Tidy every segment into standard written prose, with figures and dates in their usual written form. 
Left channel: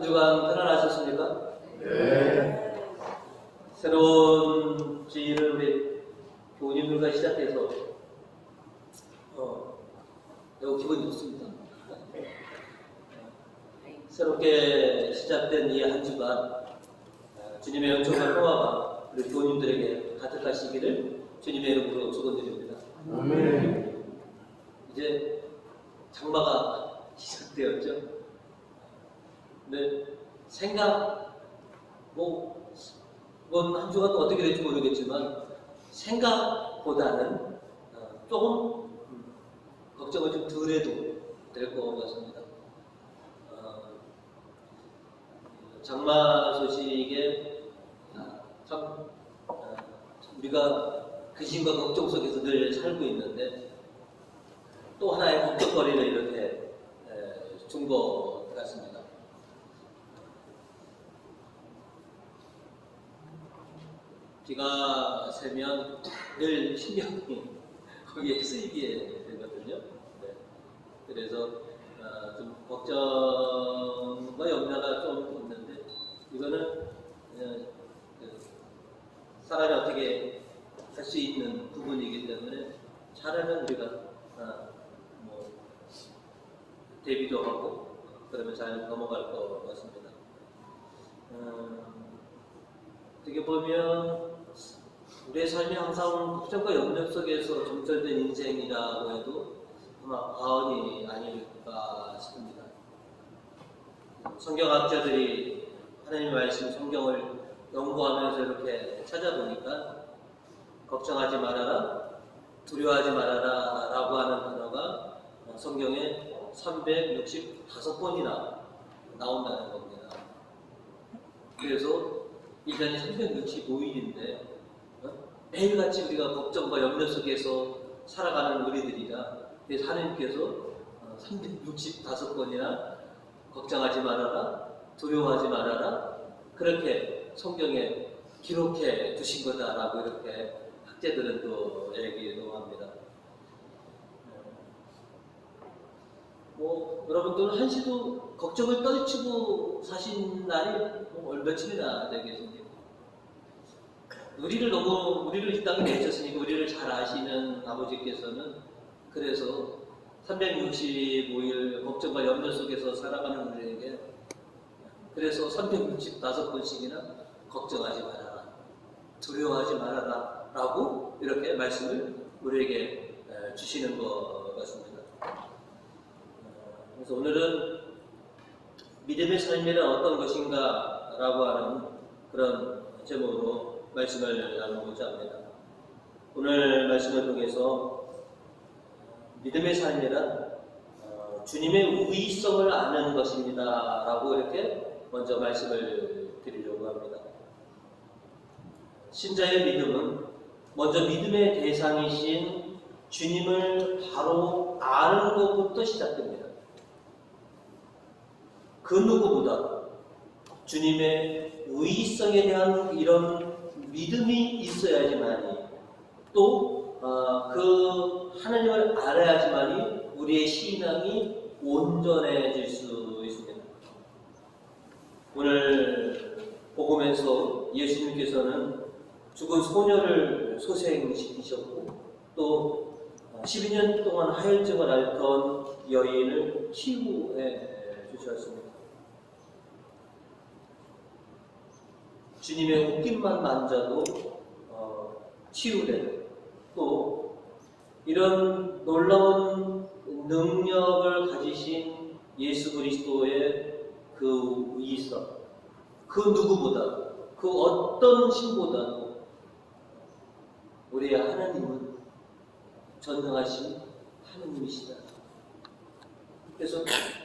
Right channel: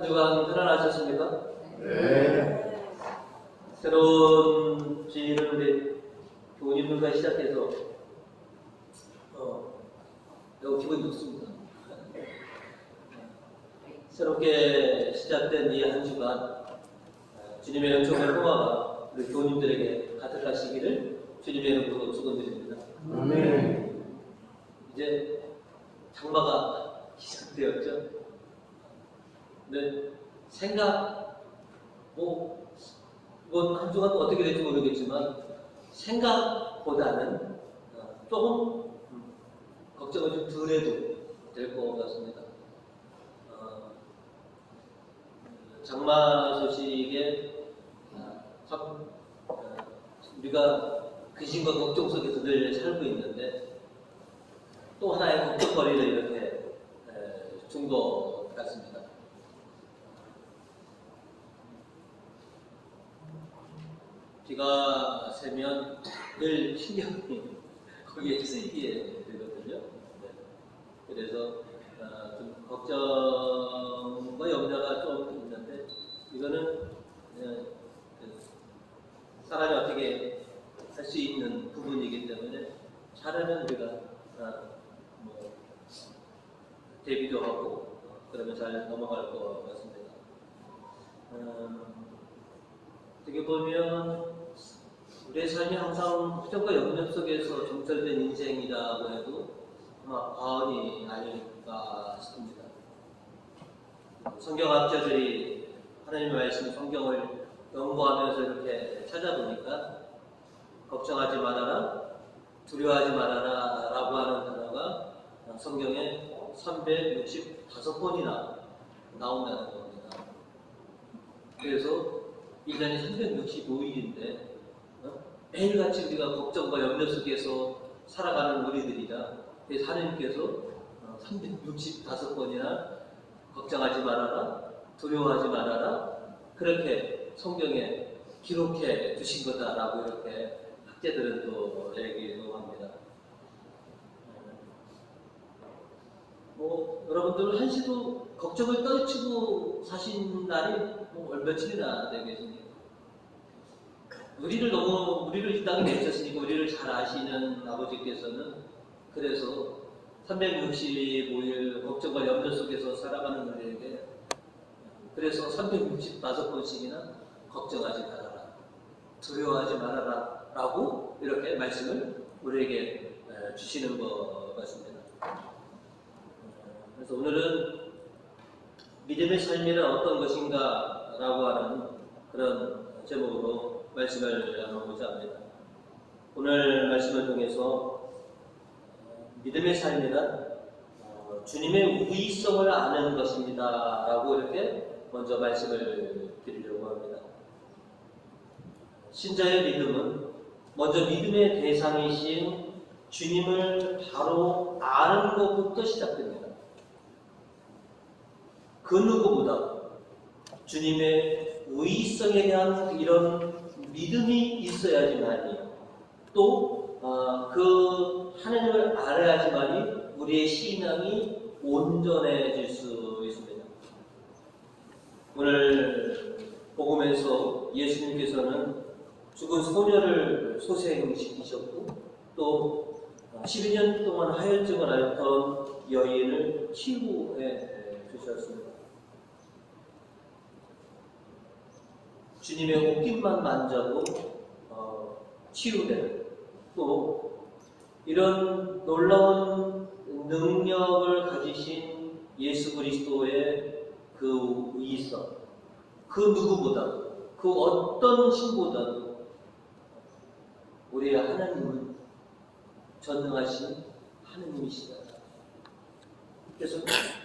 한 주간 편안하셨습니까? 네. 새로운 주일을 우리 교우님들과 시작해서 매우 기분이 좋습니다. 새롭게 시작된 이 한 주간 주님의 은총과 평화가 우리 교우님들에게 가득하시기를 주님의 이름으로 축원드립니다. 아멘. 이제 장마가 시작되었죠. 네, 생각 이건 한 주간 어떻게 될지 모르겠지만 생각보다는 조금 걱정을 좀 덜해도 될 것 같습니다. 장마 소식에 참 우리가 근심과 걱정 속에서 늘 살고 있는데 또 하나의 걱정거리를 이렇게 준 것 같습니다. 비가 새면 늘 신경이 거기에 쓰이게 되거든요. 네. 그래서 좀 걱정과 염려가 좀 있는데 이거는 사람이 어떻게 할 수 있는 부분이기 때문에 잘하면 우리가 대비도 하고 그러면 잘 넘어갈 것 같습니다. 어떻게 보면 우리의 삶이 항상 걱정과 염려 속에서 점철된 인생이라고 해도 아마 과언이 아닐까 싶습니다. 성경학자들이 하나님의 말씀 성경을 연구하면서 이렇게 찾아보니까 걱정하지 말아라, 두려워하지 말아라 라고 하는 단어가 성경에 365번이나 나온다는 겁니다. 그래서 1년이 365일인데 매일같이 우리가 걱정과 염려 속에서 살아가는 우리들이라 그래서 하나님께서 365번이나 걱정하지 말아라, 두려워하지 말아라 그렇게 성경에 기록해 두신 거다라고 이렇게 학자들은 또 얘기도 합니다. 여러분들 한시도 걱정을 떨치고 사신 날이 며칠이나 되겠습니까? 우리를 이 땅에 내셨으니까 우리를 잘 아시는 아버지께서는 그래서 365일 걱정과 염려 속에서 살아가는 우리에게 그래서 365번씩이나 걱정하지 말아라, 두려워하지 말아라 라고 이렇게 말씀을 우리에게 주시는 것 같습니다. 그래서 오늘은 믿음의 삶이란 어떤 것인가 라고 하는 그런 제목으로 말씀을 나누고자 합니다. 오늘 말씀을 통해서 믿음의 삶이란 주님의 우위성을 아는 것입니다 라고 이렇게 먼저 말씀을 드리려고 합니다. 신자의 믿음은 먼저 믿음의 대상이신 주님을 바로 아는 것부터 시작됩니다. 그 누구보다 주님의 우위성에 대한 이런 믿음이 있어야지만이 또 그 하나님을 알아야지만이 우리의 신앙이 온전해질 수 있습니다. 오늘 복음에서 예수님께서는 죽은 소녀를 소생시키셨고 또 12년 동안 하혈증을 앓던 여인을 치유해 주셨습니다. 주님의 옷깃만 만져도 치유되는 또 이런 놀라운 능력을 가지신 예수 그리스도의 그 위성 그 누구보다 그 어떤 신보다도 우리의 하나님은 전능하신 하나님이시다. 그래서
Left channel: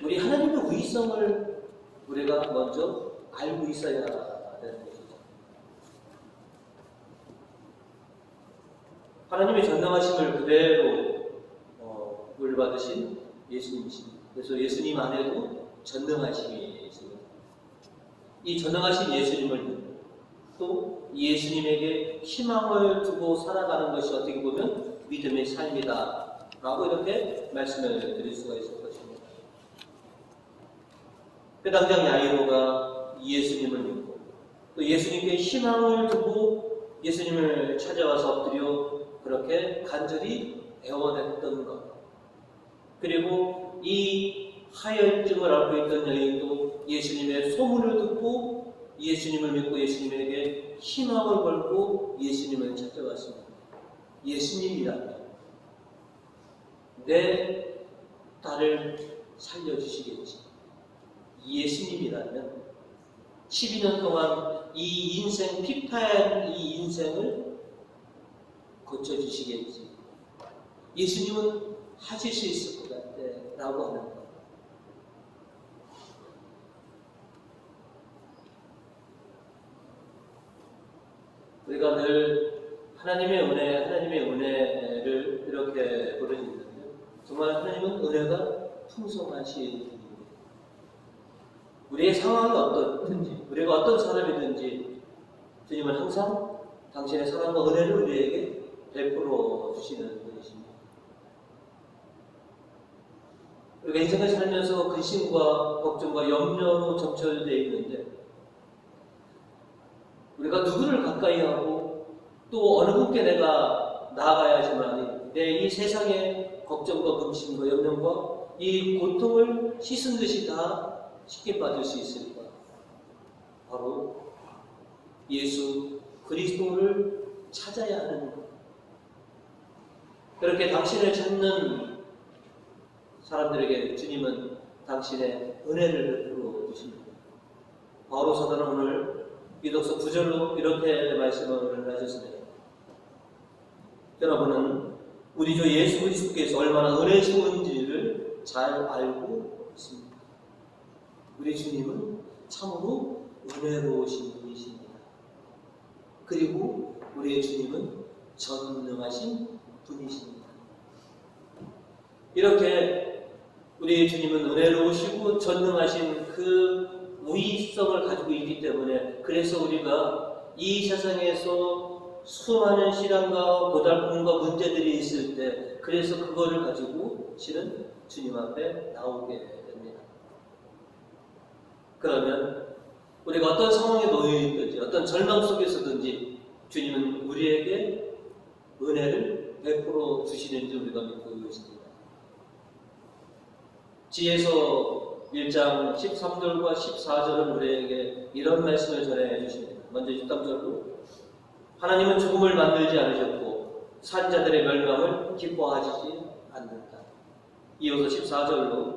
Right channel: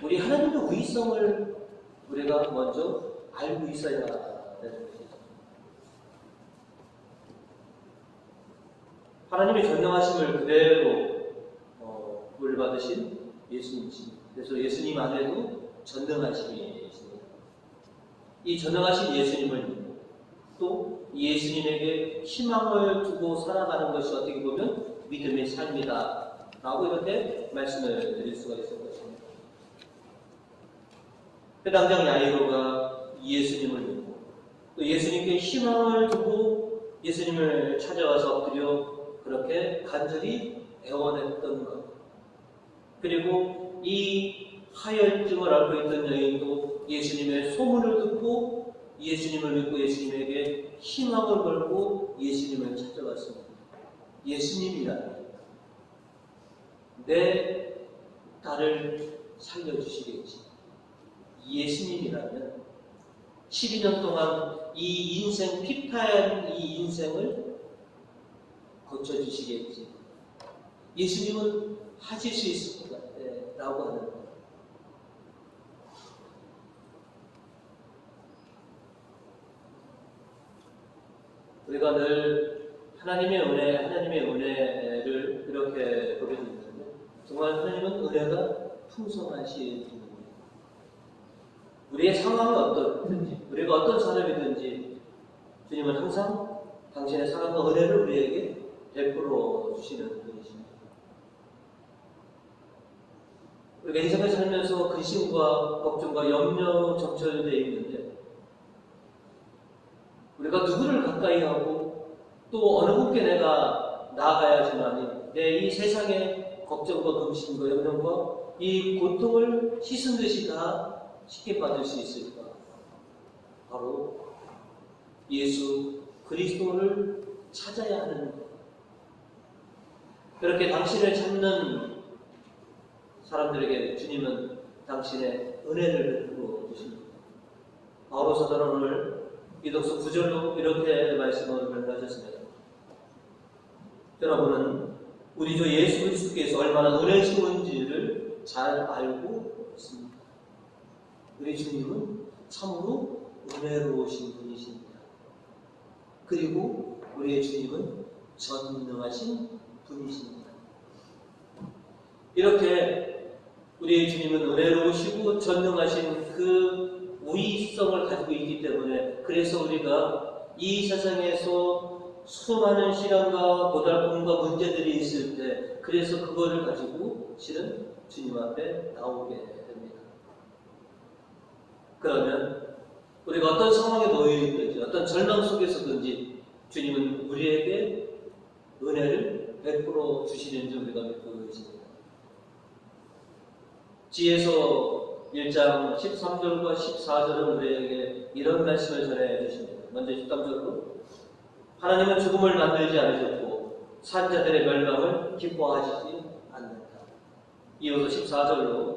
우리 하나님의 위성을 우리가 먼저 알고 있어야 되는 것이죠. 하나님의 전능하심을 그대로 물받으신 예수님이십니다. 그래서 예수님 안에도 전능하심이십니다. 이 전능하신 예수님을 믿고 또 예수님에게 희망을 두고 살아가는 것이 어떻게 보면 믿음의 삶이다 라고 이렇게 말씀을 드릴 수가 있을 것입니다. 회당장 야이로가 예수님을 믿고 또 예수님께 희망을 두고 예수님을 찾아와서 엎드려 그렇게 간절히 애원했던 것. 그리고 이 하혈증을 앓고 있던 여인도 예수님의 소문을 듣고 예수님을 믿고 예수님에게 희망을 걸고 예수님을 찾아왔습니다. 예수님이라면 내 딸을 살려주시겠지. 예수님이라면 12년 동안 이 인생, 피폐한 이 인생을 고쳐주시겠지. 예수님은 하실 수 있을 것 같아 라고 하는 거예요. 우리가 늘 하나님의 은혜를 이렇게 부르짖는데 정말 하나님은 은혜가 풍성하신 분입니다. 우리의 상황이 어떻든지 우리가 어떤 사람이든지 주님은 항상 당신의 사랑과 은혜를 우리에게 베풀어 주시는 분이십니다. 우리가 인생을 살면서 근심과 걱정과 염려로 점철되어 있는데 우리가 누구를 가까이 하고 또 어느 분께 내가 나아가야지만 내 이 세상의 걱정과 근심과 염려과 이 고통을 씻은 듯이 다 쉽게 받을 수 있을까? 바로 예수 그리스도를 찾아야 하는 것. 그렇게 당신을 찾는 사람들에게 주님은 당신의 은혜를 베풀어 주십니다. 바울오 사도는 오늘 기독서 9절로 이렇게 말씀을 하셨습니다. 여러분은 우리 주 예수 그리스도께서 얼마나 은혜스러운지를 잘 알고 있습니다. 우리 주님은 참으로 은혜로우신 분이십니다. 그리고 우리의 주님은 전능하신 분이십니다. 이렇게 우리의 주님은 은혜로우시고 전능하신 그 우위성을 가지고 있기 때문에 그래서 우리가 이 세상에서 수많은 시련과 고달픔과 문제들이 있을 때 그래서 그거를 가지고 실은 주님 앞에 나오게 됩니다. 그러면 우리가 어떤 상황에 놓여 있든지 어떤 절망 속에서든지 주님은 우리에게 은혜를 베풀어 주시는지 우리가 믿고 있습니다. 지혜서 1장 13절과 14절은 우리에게 이런 말씀을 전해 주십니다. 먼저 13절로 하나님은 죽음을 만들지 않으셨고 산 자들의 멸망을 기뻐하시지 않는다. 이어서 14절로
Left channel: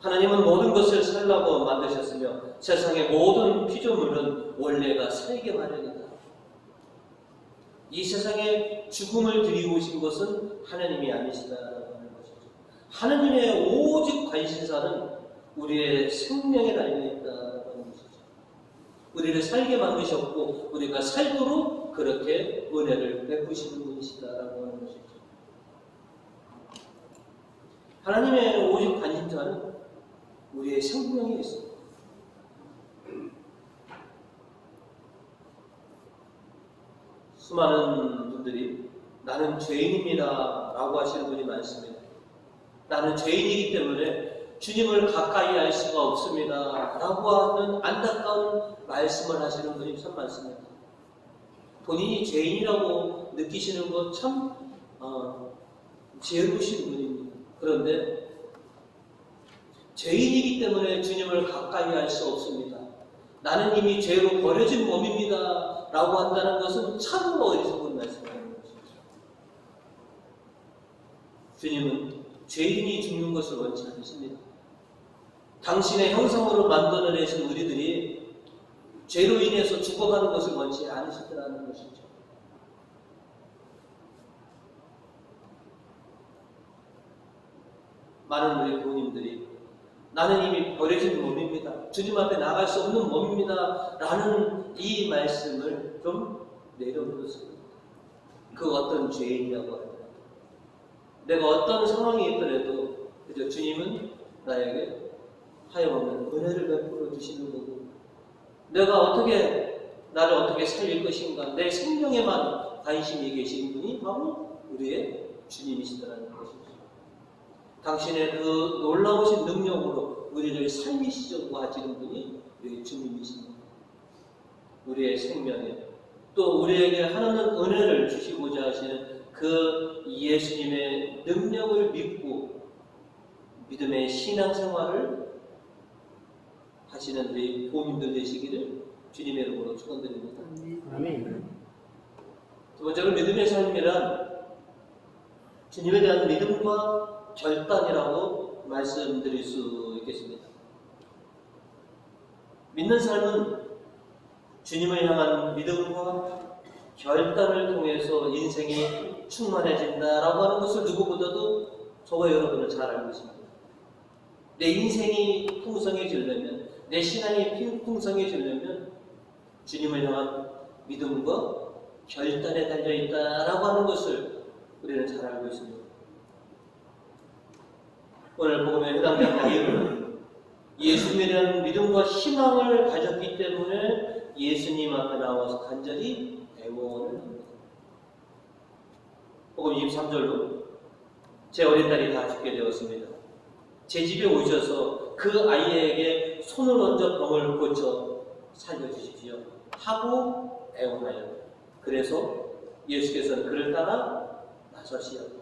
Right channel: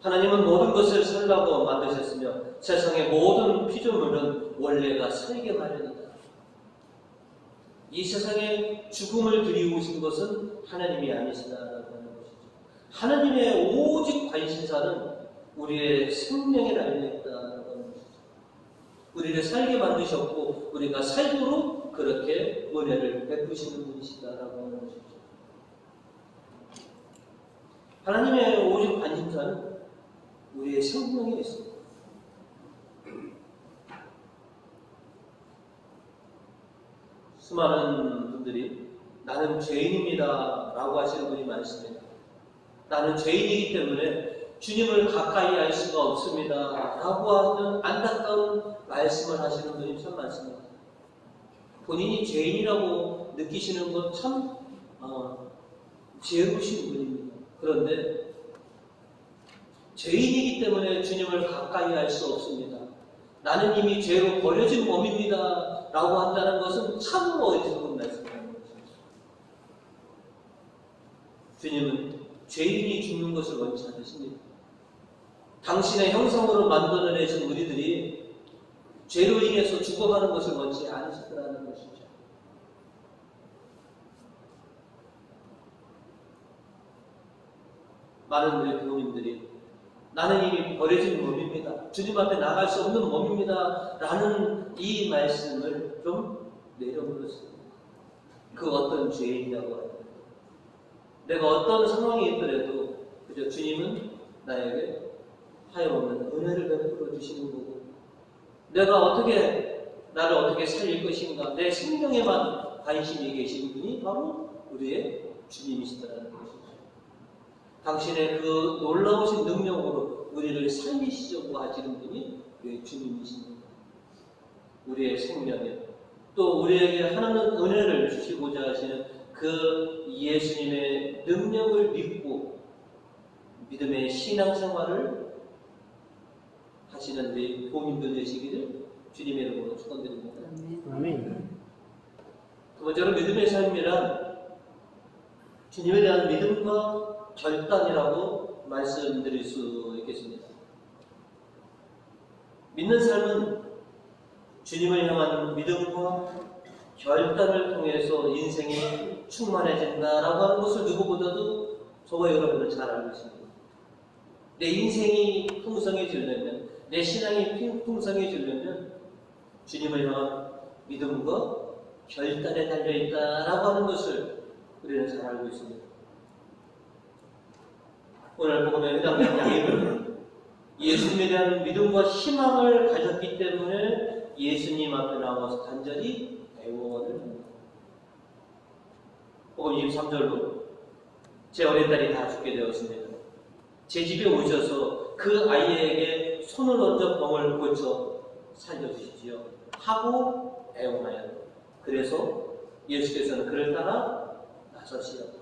하나님은 모든 것을 살라고 만드셨으며 세상의 모든 피조물은 원래가 살게 마련이다. 이 세상에 죽음을 들이오신 것은 하나님이 아니시다라고 하는 것이죠. 하나님의 오직 관심사는 우리의 생명에 달려있다라고 하는 것이죠. 우리를 살게 만드셨고 우리가 살도록 그렇게 은혜를 베푸시는 분이시다라고 하는 것이죠. 하나님의 오직 관심사는 우리의 생명에 있습니다. 수많은 분들이 나는 죄인입니다 라고 하시는 분이 많습니다. 나는 죄인이기 때문에 주님을 가까이 할 수가 없습니다 라고 하는 안타까운 말씀을 하시는 분이 참 많습니다. 본인이 죄인이라고 느끼시는 건 참 죄우신 분입니다. 그런데 죄인이기 때문에 주님을 가까이 할 수 없습니다. 나는 이미 죄로 버려진 몸입니다 라고 한다는 것은 참 어리석은 말씀입니다. 주님은 죄인이 죽는 것을 원치 않으십니다. 당신의 형상으로 만들어내신 우리들이 죄로 인해서 죽어가는 것을 원치 않으시더라는 것이죠. 많은 우리 부모님들이 나는 이미 버려진 몸입니다. 주님 앞에 나갈 수 없는 몸입니다. 라는 이 말씀을 좀 내려놓습니다. 그 어떤 죄인이라고 합니다. 내가 어떤 상황이 있더라도 그저 주님은 나에게 하염없는 은혜를 베풀어 주시는 거고 내가 나를 어떻게 살릴 것인가 내 생명에만 관심이 계신 분이 바로 우리의 주님이시더라는 것이죠. 당신의 그 놀라우신 능력으로 우리를 살리시려고 하시는 분이 우리 주님이십니다. 우리의 생명에 또 우리에게 하나님 은혜를 주시고자 하시는 그 예수님의 능력을 믿고 믿음의 신앙생활을 하시는 우리 도민들 되시기를 주님의 이름으로 축원드립니다. 아멘. 두 번째로 믿음의 삶이란 주님에 대한 믿음과 결단이라고 말씀드릴 수 있겠습니다. 믿는 삶은 주님을 향한 믿음과 결단을 통해서 인생이 충만해진다라고 하는 것을 누구보다도 저와 여러분은 잘 알고 있습니다. 내 인생이 풍성해지려면, 내 신앙이 풍성해지려면 주님을 향한 믿음과 결단에 달려있다라고 하는 것을 우리는 잘 알고 있습니다. 오늘 복음에 해당된 야이로는 예수님에 대한 믿음과 희망을 가졌기 때문에 예수님 앞에 나와서 간절히 애원을 합니다. 복음 23절로 제 어린 딸이 다 죽게 되었습니다. 제 집에 오셔서 그 아이에게 손을 얹어 병을 고쳐 살려주십시오 하고 애원하였다. 그래서 예수께서는 그를 따라 나서시었다.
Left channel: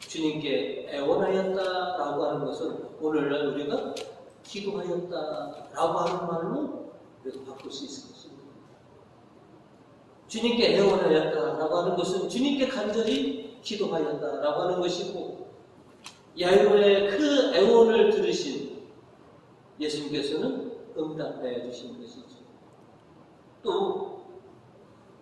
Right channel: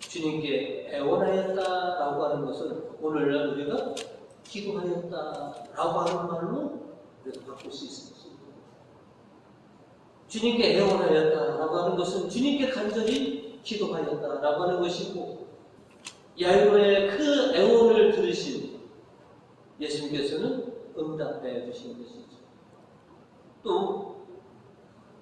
주님께 애원하였다라고 하는 것은 오늘날 우리가 기도하였다라고 하는 말로 우리가 바꿀 수 있을 것입니다. 주님께 애원하였다라고 하는 것은 주님께 간절히 기도하였다라고 하는 것이고, 야이로의 그 애원을 들으신 예수님께서는 응답해 주신 것이죠. 또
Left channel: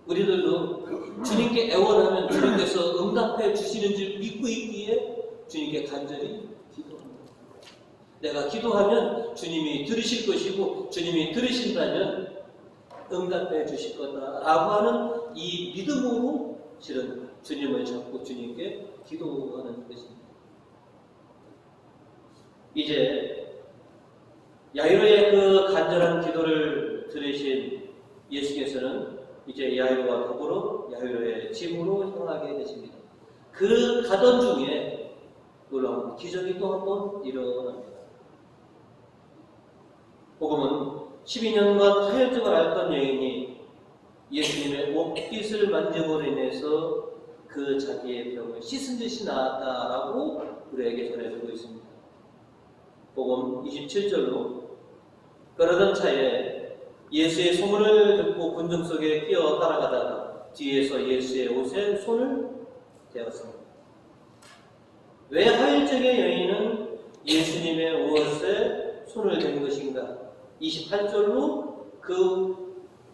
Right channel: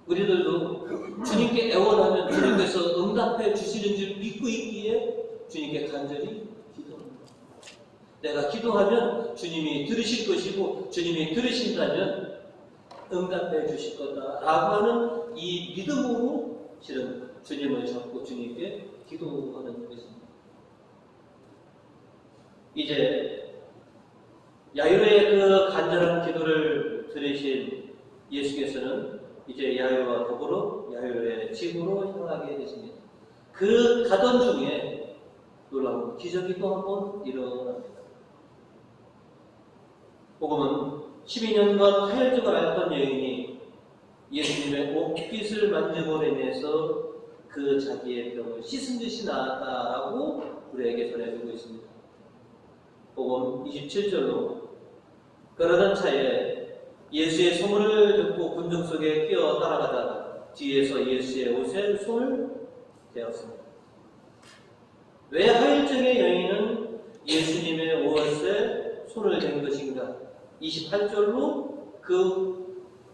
우리들도 주님께 애원하면 주님께서 응답해 주시는 줄 믿고 있기에 주님께 간절히 기도합니다. 내가 기도하면 주님이 들으실 것이고 주님이 들으신다면 응답해 주실 거다라고 하는 이 믿음으로 실은 주님을 잡고 주님께 기도하는 것입니다. 이제 야이로의 그 간절한 기도를 들으신 예수께서는 이제 야이로와 더불어 야이로의 집으로 향하게 되십니다. 그 가던 중에 놀라운 기적이 또 한 번 일어납니다. 복음은 12년간 하혈증을 앓던 여인이 예수님의 옷깃을 만짐으로 인해서 그 자기의 병을 씻은 듯이 나았다라고 우리에게 전해주고 있습니다. 복음 27절로 그러던 차에 예수의 소문을 듣고 군중 속에 끼어 따라가다가 뒤에서 예수의 옷에 손을 대었습니다. 왜 하혈증의 여인은 예수님의 옷에 손을 댄 것인가? 28절로 그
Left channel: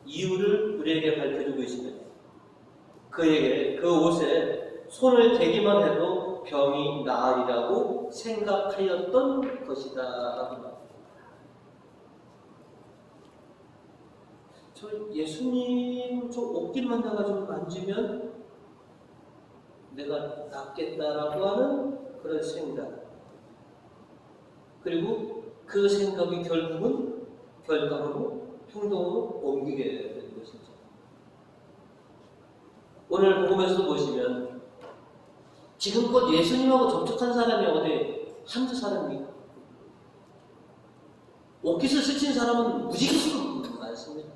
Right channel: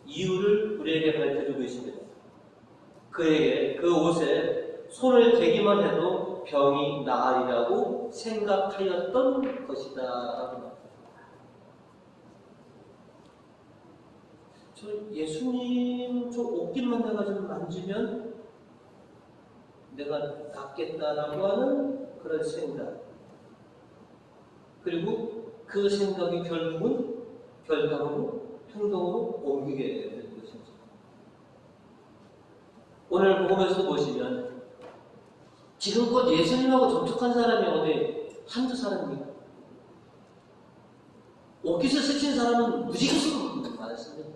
이유를 우리에게 밝혀주고 있습니다. 그에게 그 옷에 손을 대기만 해도 병이 나으리라고 생각하였던 것이다 라고. 저 예수님 저 옷깃만 내가 좀 만지면 내가 낫겠다라고 하는 그런 생각, 그리고 그 생각이 결국은 결과로 행동으로 옮기게 되는 것이죠. 오늘 복음에서 보시면 지금껏 예수님하고 접촉한 사람이 어디 한두 사람입니까? 옷깃을 스친 사람은 무지개수로 많습니다.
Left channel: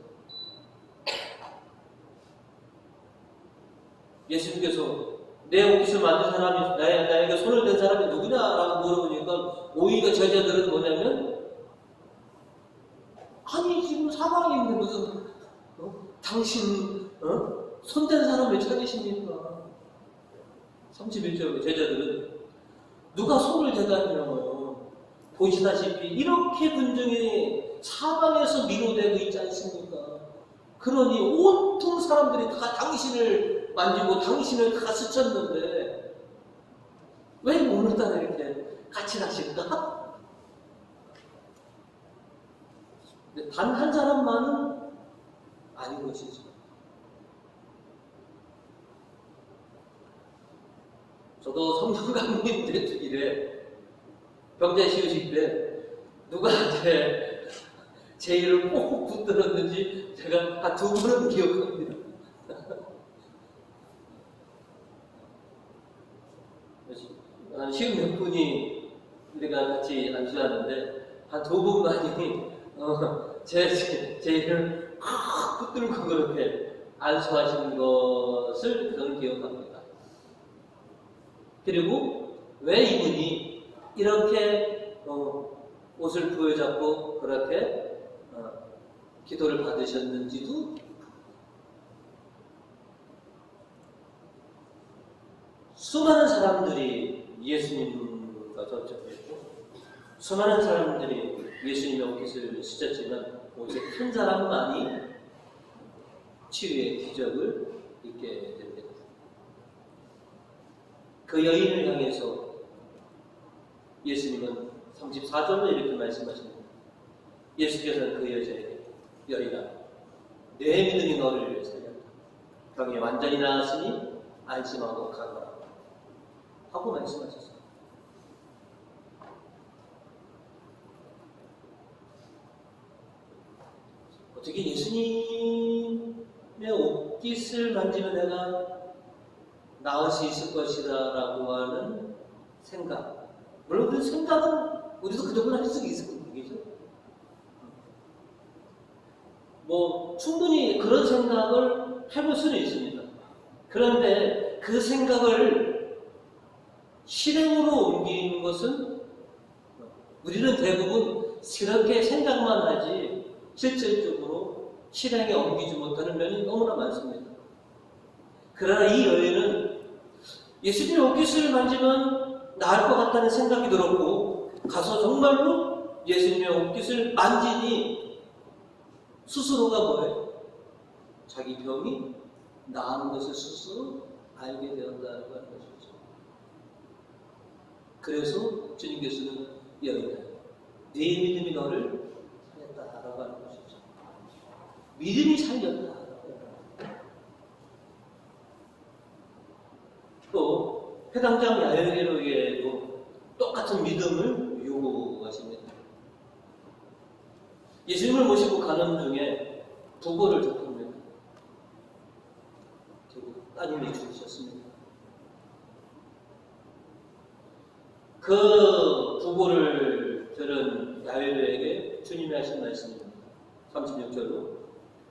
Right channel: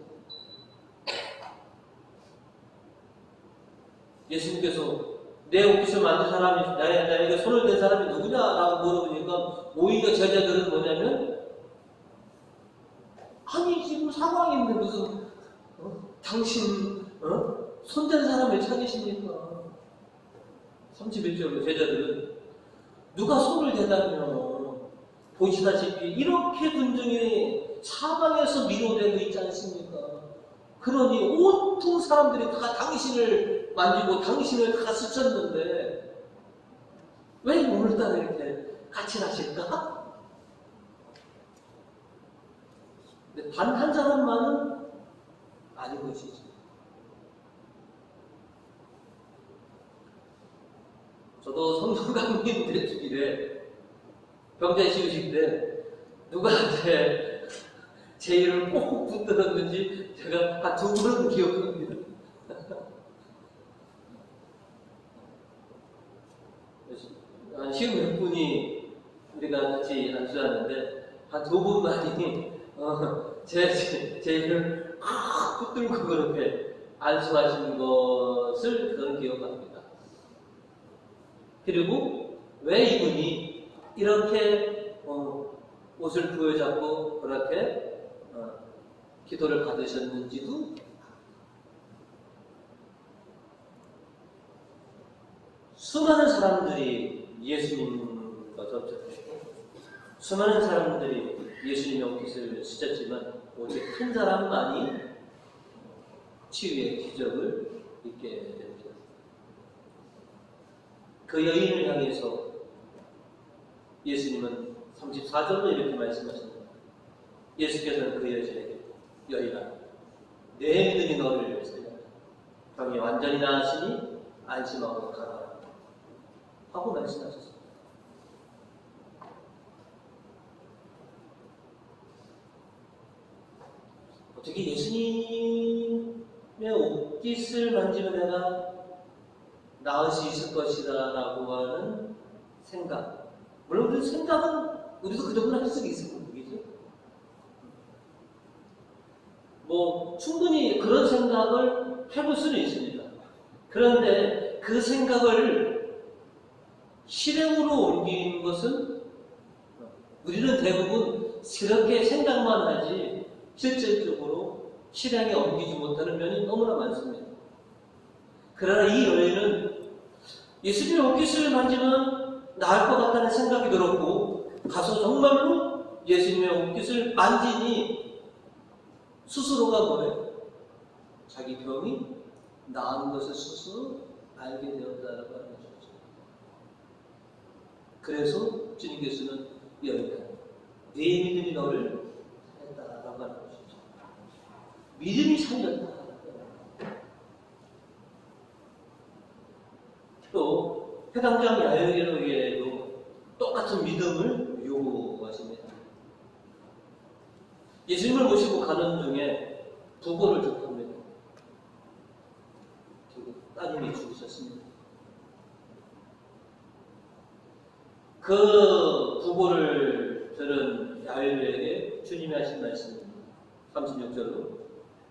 예수님께서 내 옷깃을 만진 사람이, 나에게 손을 댄 사람이 누구냐라고 물어보니까 오히려 제자들은 뭐냐면, 아니 지금 상황인데 무슨 당신 손댄 사람을 찾으십니까? 31절로 제자들은 누가 손을 대다니요, 보시다시피 이렇게 군중이 사방에서 미로되고 있지 않습니까? 그러니 온통 사람들이 다 당신을 만지고 당신을 다 스쳤는데 왜 오늘따라 이렇게 까칠하실까? 단 한 사람만은 아닌 것이죠. 저도 성경강림 대주일에 병자 시우식 때 누가 제 이름을 꼭 붙들었는지 제가 한 두 번은 기억합니다. 한 10몇 분이 우리 같이 안수하는데 한 두 분만이 제 이를 붙들고 그렇게 안수하신 것을 저는 기억합니다. 그리고 왜 이분이 이렇게 옷을 부여잡고 그렇게 기도를 받으셨는지도 수많은 사람들이 예수님과 접촉했고 수많은 사람들이 예수님의 옷깃을 씻었지만 오직 한 사람만이 치유의 기적을 있게 됩니다. 그 여인을 향해서 예수님은 34절로 이렇게 말씀하십니다. 예수께서는 그 여자에게 여인아 내 믿음이 너를 살렸다. 병이 완전히 나았으니 안심하고 가거라 하고 말씀하셨습니다. 어떻게 예수님의 옷깃을 만지면 내가 나을 수 있을 것이다 라고 하는 생각, 물론 그 생각은 우리도 그동안 할 수 있을 거겠죠. 충분히 그런 생각을 해볼 수는 있습니다. 그런데 그 생각을 실행으로 옮기는 것은 우리는 대부분 그렇게 생각만 하지 실질적으로 실행에 옮기지 못하는 면이 너무나 많습니다. 그러나 이 여인은 예수님의 옷깃을 만지면 나을 것 같다는 생각이 들었고 가서 정말로 예수님의 옷깃을 만지니 스스로가 뭐예요? 자기 병이 나은 것을 스스로 알게 되었다라고 하는 것이죠. 그래서 주님께서는 여인아 네 믿음이 너를 살렸다라고 하는 것이죠. 믿음이 살렸다. 또 해당장 야여기로에도 똑같은 믿음을 요구하십니다. 예수님을 모시고 가는 중에 부고를 접합니다. 따님이 죽으셨습니다. 그 부고를 들은 야일에게 주님이 하신 말씀입니다. 36절로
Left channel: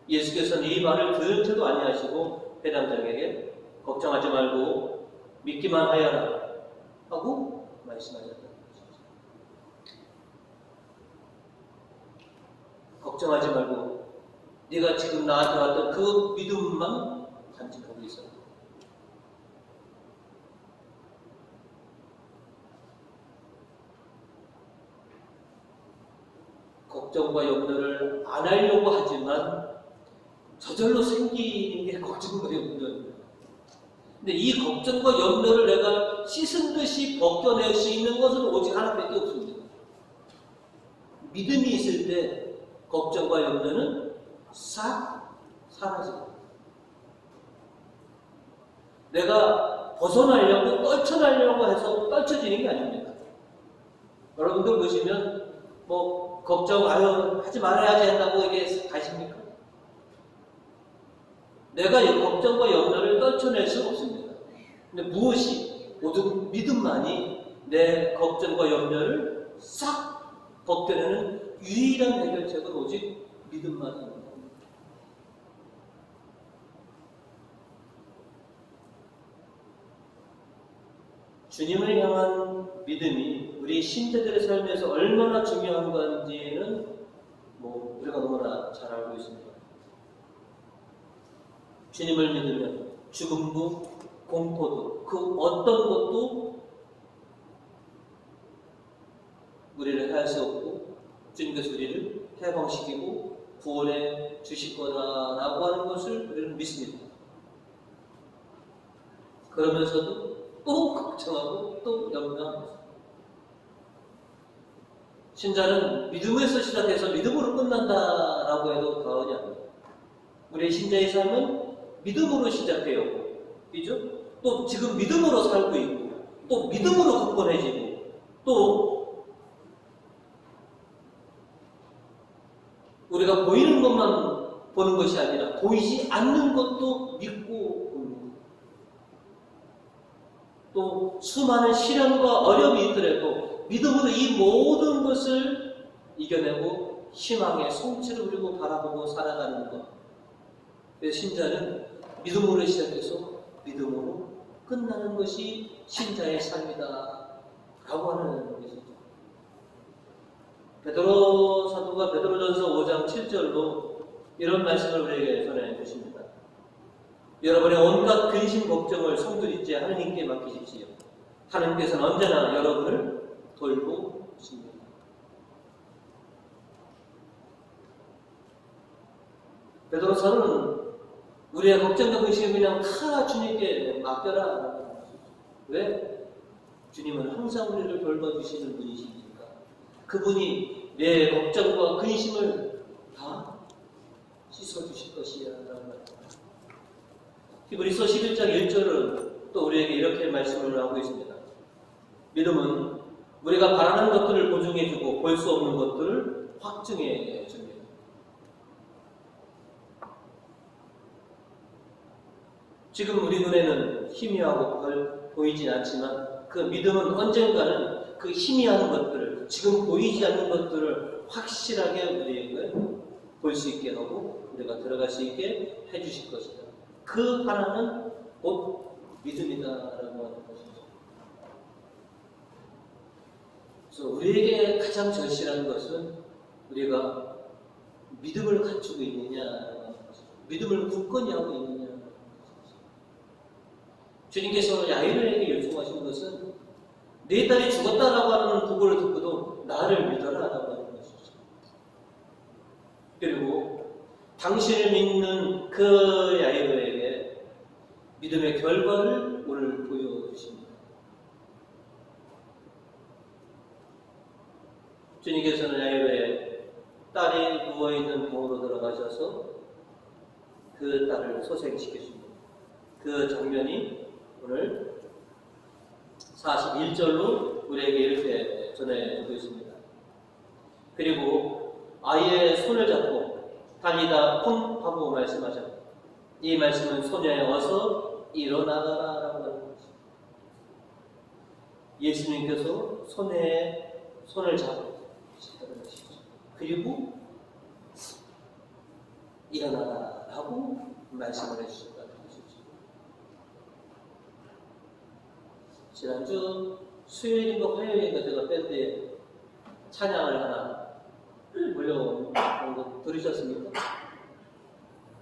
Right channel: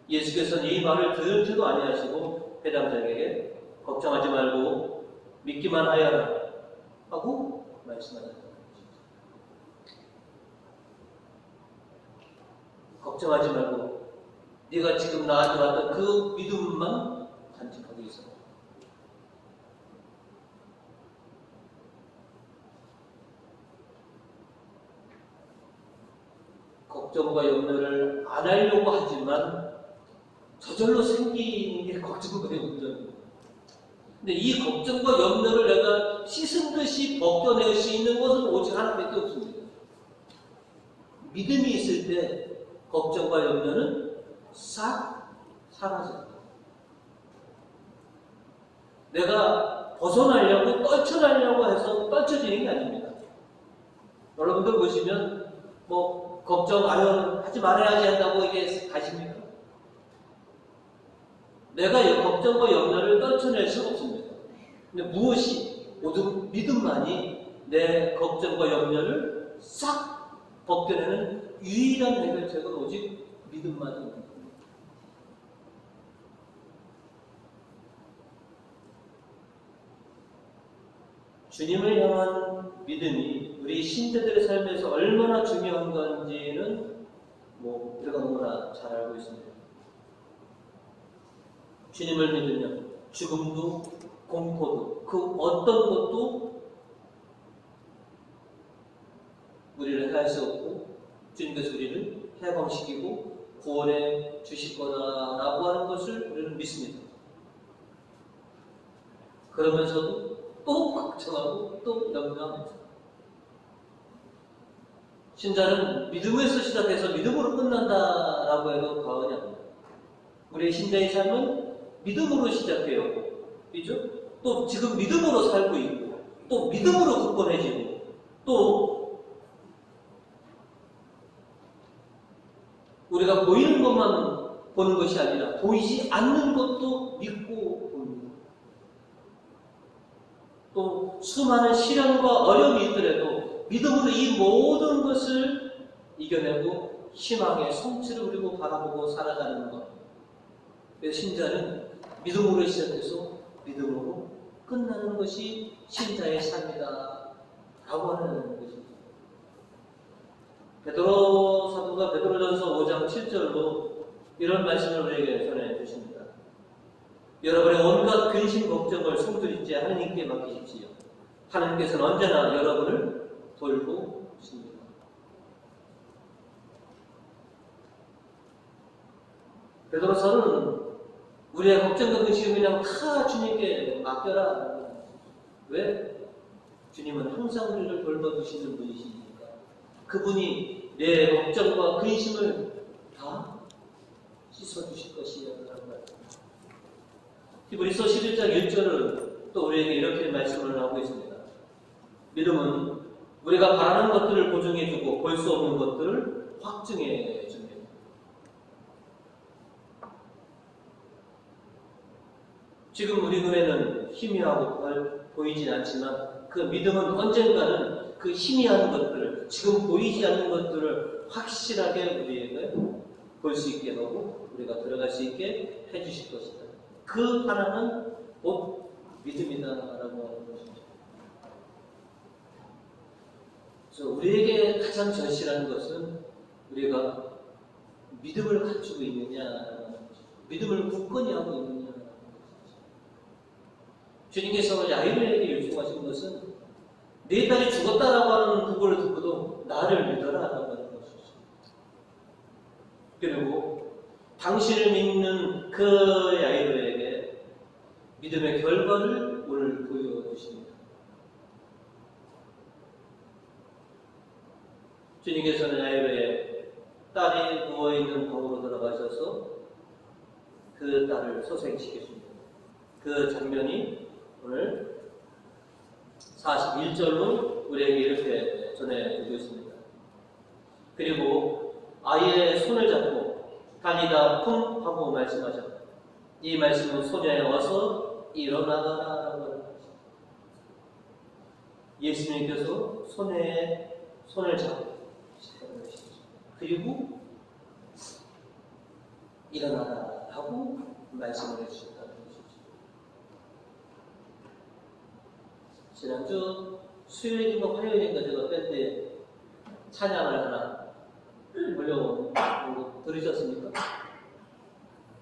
예수께서는 이 말을 들은 채도 아니하시고 회당장에게 걱정하지 말고 믿기만 하여라 하고 말씀하셨다. 걱정하지 말고 네가 지금 나한테 왔던 그 믿음만 간직하고 있어. 걱정과 염려를 안 하려고 하지만 저절로 생기는 게 걱정과 염려입니다. 근데 이 걱정과 염려를 내가 씻은 듯이 벗겨낼 수 있는 것은 오직 하나밖에 없습니다. 믿음이 있을 때 걱정과 염려는 싹 사라집니다. 내가 벗어나려고 떨쳐나려고 해서 떨쳐지는 게 아닙니다. 여러분들 보시면 걱정 하지 말아야지 한다고 이게 가십니까? 내가 이 걱정과 염려를 떨쳐낼 수 없습니다. 근데 무엇이 모든 믿음만이 내 걱정과 염려를 싹 벗겨내는 유일한 해결책은 오직 믿음만입니다. 주님을 향한 믿음이 우리 신자들의 삶에서 얼마나 중요한 건지는 우리가 너무나 잘 알고 있습니다. 주님을 믿으면 죽음도 공포도 그 어떤 것도 우리를 해할 수 없고 주님께서 우리를 해방시키고 구원해 주실 거다라고 하는 것을 우리는 믿습니다. 그러면서도 또 걱정하고 또 염려합니다. 신자는 믿음에서 시작해서 믿음으로 끝난다라고 해도 과언이 아닙니다. 우리의 신자의 삶은 믿음으로 시작해요. 그죠? 또 지금 믿음으로 살고 있고 또 믿음으로 굳건해지고 또 우리가 보이는 것만 보는 것이 아니라 보이지 않는 것도 믿고 봅니다. 또 수많은 시련과 어려움이 있더라도 믿음으로 이 모든 것을 이겨내고 희망의 성취를 그리고 바라보고 살아가는 것. 그래서 신자는 믿음으로 시작해서 믿음으로 끝나는 것이 신자의 삶이다 라고 하는 것입니다. 베드로 사도가 베드로전서 5장 7절로 이런 말씀을 우리에게 전해 주십니다. 여러분의 온갖 근심 걱정을 송두리째 하느님께 맡기십시오. 하느님께서는 언제나 여러분을 돌보십니다. 베드로서는 우리의 걱정과 근심을 그냥 다 주님께 맡겨라. 왜? 주님은 항상 우리를 돌봐주시는 분이시니까. 그분이 내 걱정과 근심을 다 씻어주실 것이야 라고 합니다. 히브리서 11장 1절은 또 우리에게 이렇게 말씀을 하고 있습니다. 믿음은 우리가 바라는 것들을 보증해주고 볼 수 없는 것들을 확증해줍니다. 지금 우리 눈에는 희미하고 보이지 않지만 그 믿음은 언젠가는 그 희미한 것들을, 지금 보이지 않는 것들을 확실하게 우리에게 볼 수 있게 하고 우리가 들어갈 수 있게 해주실 것이다. 그 하나는 곧 믿음이다라고 하는 것이죠. 그래서 우리에게 가장 절실한 것은 우리가 믿음을 갖추고 있느냐, 믿음을 굳건히 하고 있느냐. 주님께서 야이로에게 요청하신 것은 내 딸이 죽었다라고 하는 보고를 듣고도 나를 믿어라라고 하는 것이죠. 그리고 당신을 믿는 그 야이로에게 믿음의 결과를 오늘 보여주십니다. 주님께서는 야이로의 딸이 누워있는 방으로 들어가셔서 그 딸을 소생시켜줍니다. 그 장면이 오늘 41절로 우리에게 이렇게 전해주고 있습니다. 그리고 아이의 손을 잡고 달리다 쿵 하고 말씀하셨다. 이 말씀은 소녀에 어서 일어나가라 라고 하는 거죠. 예수님께서 소녀의 손을 잡으셨다는 것이죠. 그리고 일어나라 라고 말씀을 해주셨다. 지난주 수요일인가 화요일인가 제가 밴드에 찬양을 하나 올려온 거 들으셨습니까?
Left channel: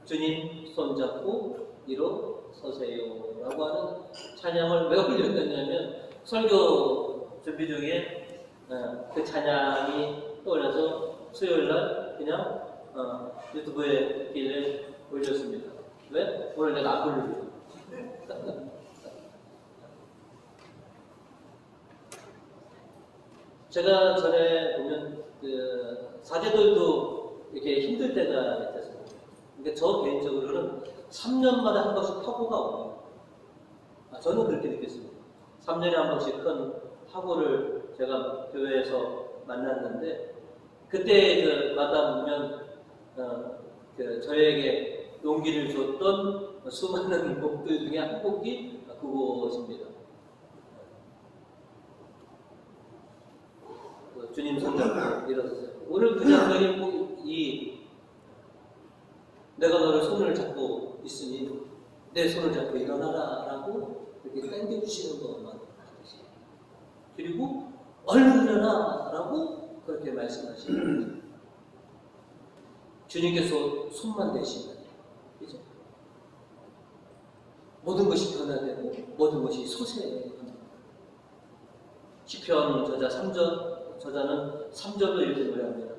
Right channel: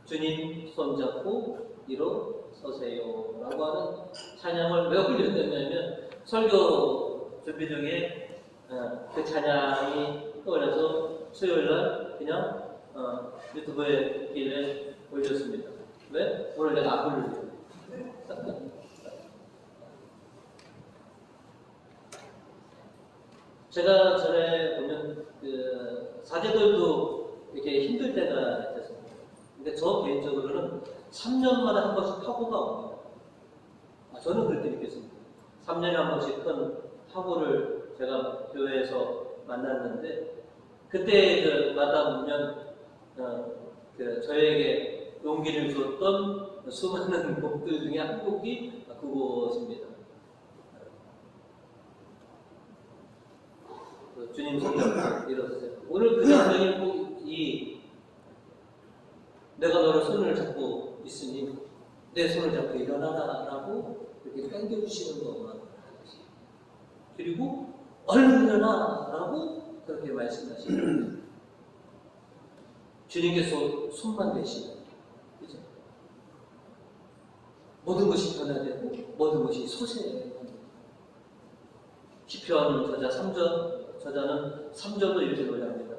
주님 손잡고 일어서세요 라고 하는 찬양을 왜 올렸냐면 설교 준비 중에 그 찬양이 떠올라서 수요일날 그냥 유튜브에 길에 올렸습니다. 왜? 오늘 내가 안 부르려고. 제가 전에 보면 그 사제들도 이렇게 힘들 때가 있었습니다. 근데 저 개인적으로는 3년마다 한 번씩 파고가 옵니다. 저는 그렇게 느꼈습니다. 3년에 한 번씩 큰 파고를 제가 교회에서 만났는데 그때 그 마다 보면 저에게 용기를 줬던 수많은 곡들 중에 한 곡이 그것입니다. 주님 손잡고 일어서세요. 오늘 그 장면이 내가 너를 손을 잡고 있으니 내 손을 잡고 일어나라 라고 이렇게 당겨주시는 것만 하듯이 그리고 얼른 일어나 라고 그렇게 말씀하시는 거죠. 주님께서 손만 대시면 그죠? 모든 것이 변화되고 모든 것이 솟아납니다. 시편 저자는 3절로 이렇게 노래합니다.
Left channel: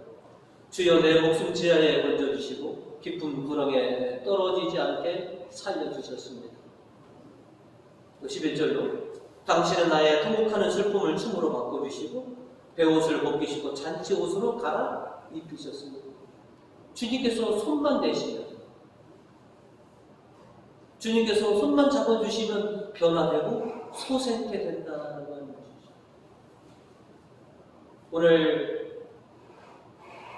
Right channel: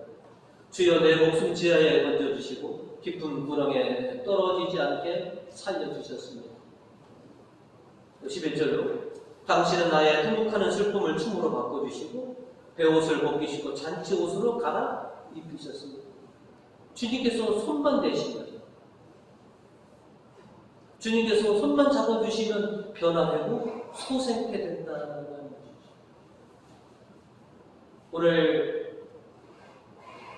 주여 내 목숨 지하에 건져주시고 깊은 구렁에 떨어지지 않게 살려주셨습니다. 11절로 당신은 나의 통곡하는 슬픔을 춤으로 바꿔주시고 베옷을 벗기시고 잔치옷으로 갈아 입히셨습니다. 주님께서 손만 대시면 주님께서 손만 잡아주시면 변화되고 솟게 된다는 것이죠. 오늘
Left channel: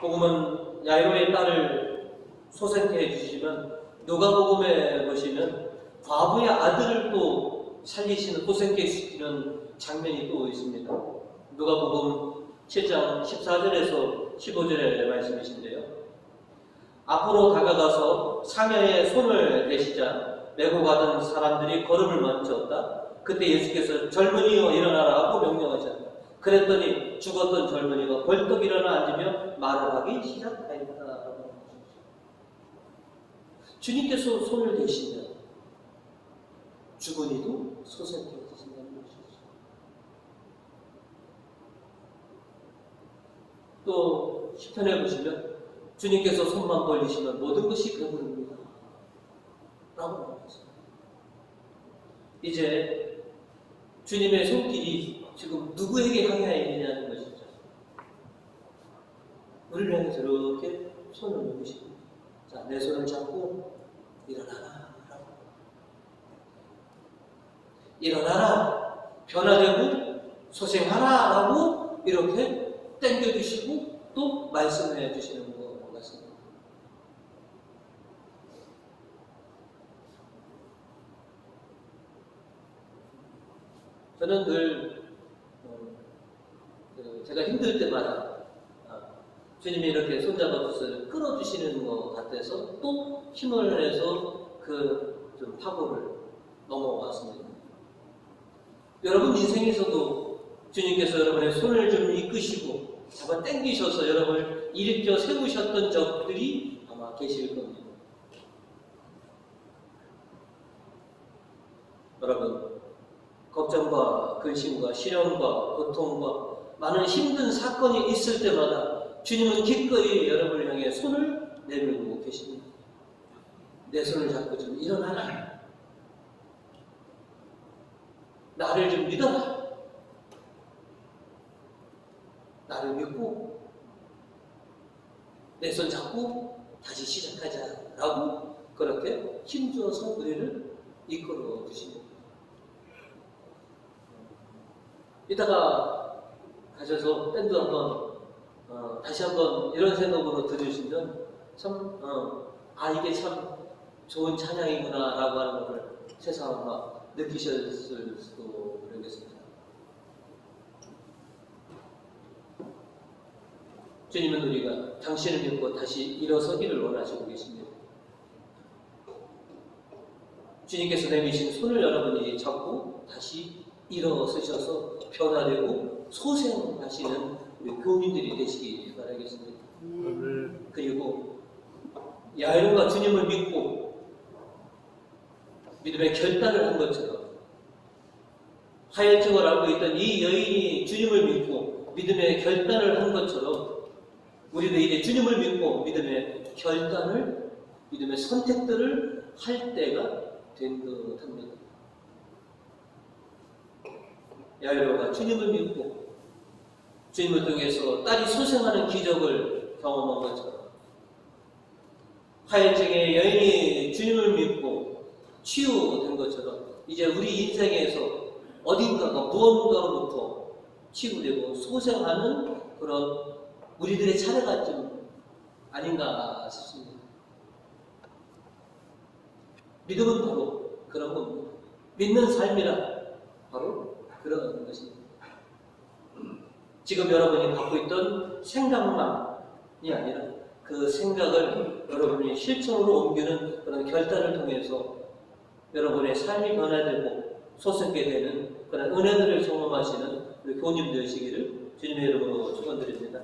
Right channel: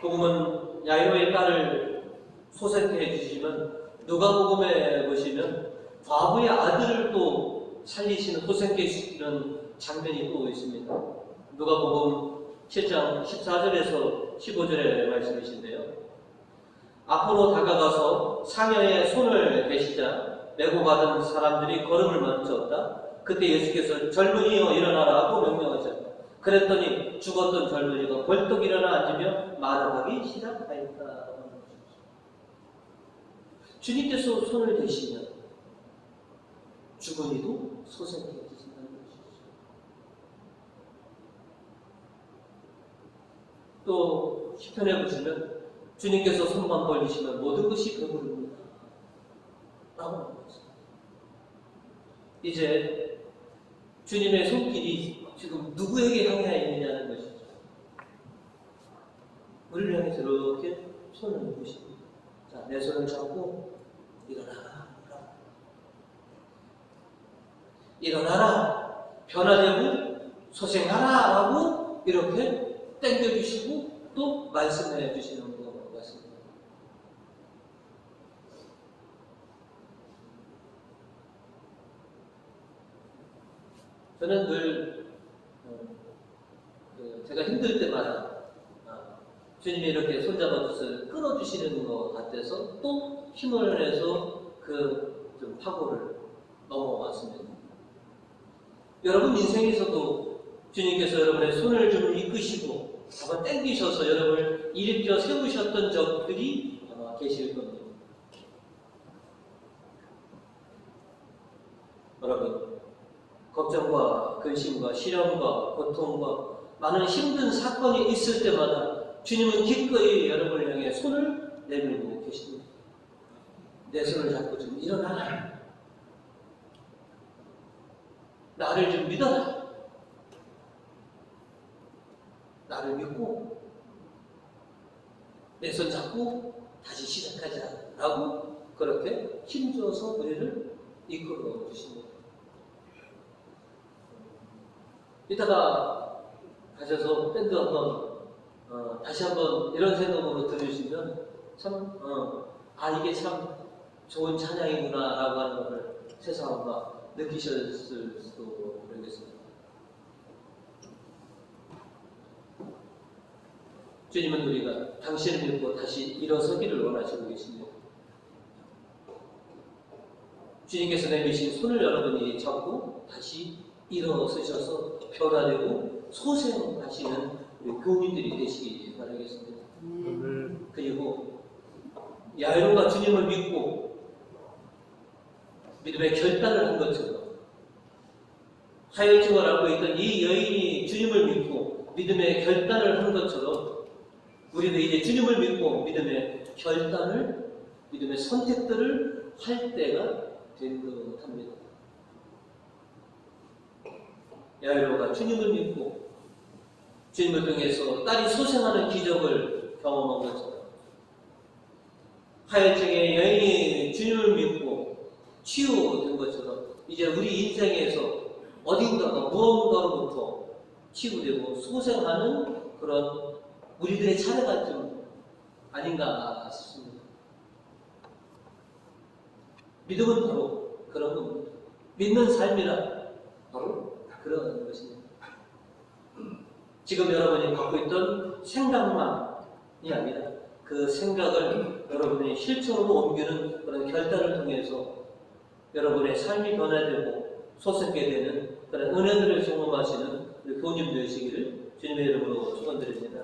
복음은 야이로의 딸을 솟게 해주시면 누가복음에 보시면 과부의 아들을 또 살리시는 솟게 시키는 장면이 또 있습니다. 누가복음 7장 14절에서 15절의 말씀이신데요. 앞으로 다가가서 상여에 손을 대시자 메고 가던 사람들이 걸음을 멈췄다. 그때 예수께서 젊은이여 일어나라 하고 명령하셨다. 그랬더니 죽었던 젊은이가 벌떡 일어나 앉으며 말을 하기 시작하였다. 주님께서 손을 대시면 죽은 이도 소생해지신다는 것이죠. 또 시편에 보시면 주님께서 손만 벌리시면 모든 것이 배부릅니다 라고 말했습니다. 이제 주님의 손길이 지금 누구에게 향해 있느냐는 것이죠. 우리를 향해서 이렇게 손을 놓으십니다. 자, 내 손을 잡고 일어나라. 일어나라. 변화되고 소생하라 하고 이렇게 땡겨주시고 또 말씀해 주시는 것 같습니다. 저는 늘 제가 힘들 때마다 주님이 이렇게 손잡아 주셔서 끌어주시는 것 같아서 또 힘을 내서 그 좀 파고를 넘어왔습니다. 여러분 인생에서도 주님께서 여러분의 손을 좀 이끄시고 잡아 당기셔서 여러분을 일으켜 세우셨던 적들이 아마 계실 겁니다. 여러분, 걱정과 근심과 시련과 고통과 많은 힘든 사건이 있을 때마다 주님은 기꺼이 여러분을 향해 손을 내밀고 계십니다. 내 손을 잡고 좀 일어나라. 나를 좀 믿어라. 나를 믿고 내 손 잡고 다시 시작하자 라고 그렇게 힘줘서 우리를 이끌어 주십니다. 이따가 가셔서 밴드 한번 다시 한번 이런 생각으로 들으시면 참 이게 참 좋은 찬양이구나 라고 하는 것을 새삼 아마 느끼셨을 수도 모르겠습니다. 주님은 우리가 당신을 믿고 다시 일어서기를 원하시고 계십니다. 주님께서 내미신 손을 여러분이 잡고 다시 일어서셔서 변화되고 소생하시는 우리 교민들이 되시기 바라겠습니다. 그리고 야이로가 주님을 믿고 믿음의 결단을 한 것처럼 하혈증을 앓고 있던 이 여인이 주님을 믿고 믿음의 결단을 한 것처럼 우리도 이제 주님을 믿고 믿음의 결단을, 믿음의 선택들을 할 때가 된 것 합니다. 야이로가 주님을 믿고 주님을 통해서 딸이 소생하는 기적을 경험한 것처럼 하혈증의 여인이 주님을 믿고 치유된 것처럼 이제 우리 인생에서 어딘가가 무언가로부터 치유되고 소생하는 그런 우리들의 차례가 좀 아닌가 싶습니다. 믿음은 바로 그런 겁니다. 믿는 삶이라 바로 그런 것입니다. 지금 여러분이 갖고 있던 생각만이 아니라 그 생각을 여러분이 실천으로 옮기는 그런 결단을 통해서 여러분의 삶이 변화되고 소생하게 되는 그런 은혜들을 경험하시는 우리 교우님 되시기를 주님의 이름으로 축원드립니다.